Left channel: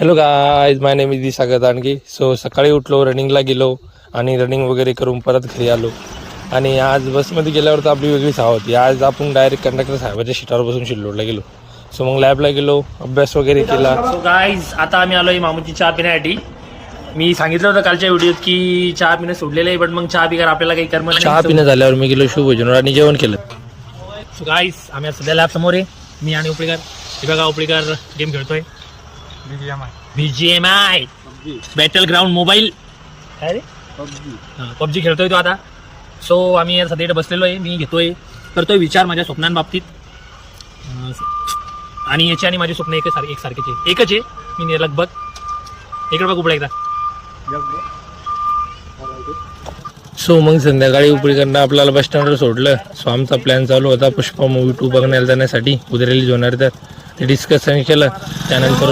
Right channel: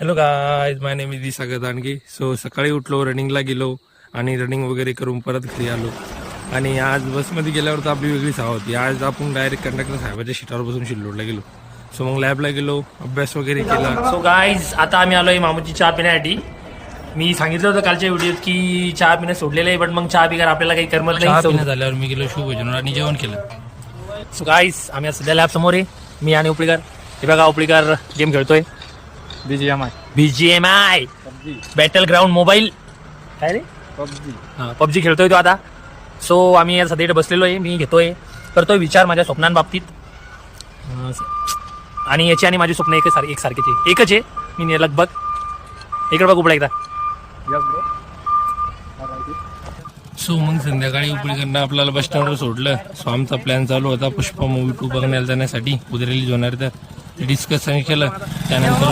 Hello guys, my name is Disagar Dandge. So सकाळी उठलो, रनिंगला गेलो आणि रनिंग वगैरे करून परत घरी आलो. आणि आज बसमध्ये गेल्यावर तर आपली वेगळीच हवा होती. आज आपण डायरेक्ट कंडक्टर साहेबाच्या सीटावर बसून शिल्लोडला गेलो. सो मग लॅबला गेलो, अभ्यास वगैरे केला. सो गाईज, आता आम्ही आलोय मामूची चहा पिण्यासाठी. मी सांगितलं होतं कालच्या व्हिडिओत की चहा पिणं सोडलेलं आहे, पण मग चहा पिकार आपल्याला काही करमत चहा नाही. पिण्यात झाल्यावर मी गेलो शिवभोजनावर आणि जेवण केलं. सो गाईज, आम्ही आज सध्या लॅब समोर आहे, मी आणि उपळीकर. हे बघा, उपळीकर गेम खेळतोय BGMI बॅटल ग्राउंड मोबाईल. काय रे, पबजी खेळतोय तो आता. सो आम्ही सध्या इथे बसलेलो आहे. मी करतोय विचार माझ्या स्वप्नांबाबतीत. आणि याची आणि माझे स्वप्न एकसारखेच आहे, एकच आहे. मी लगभग इकडे बघ उपळा एकदा. सो मग संध्याकाळी उपळीकडनं आपल्याला बस स्टँडवर सोडलं. सो आमचा प्लॅन चालू होता पुष्पा मूवी 2 बघण्याला जाण्यासाठी. उद्या रिलीज होणार तर ते डिस्कशन केलं. त्यानंतर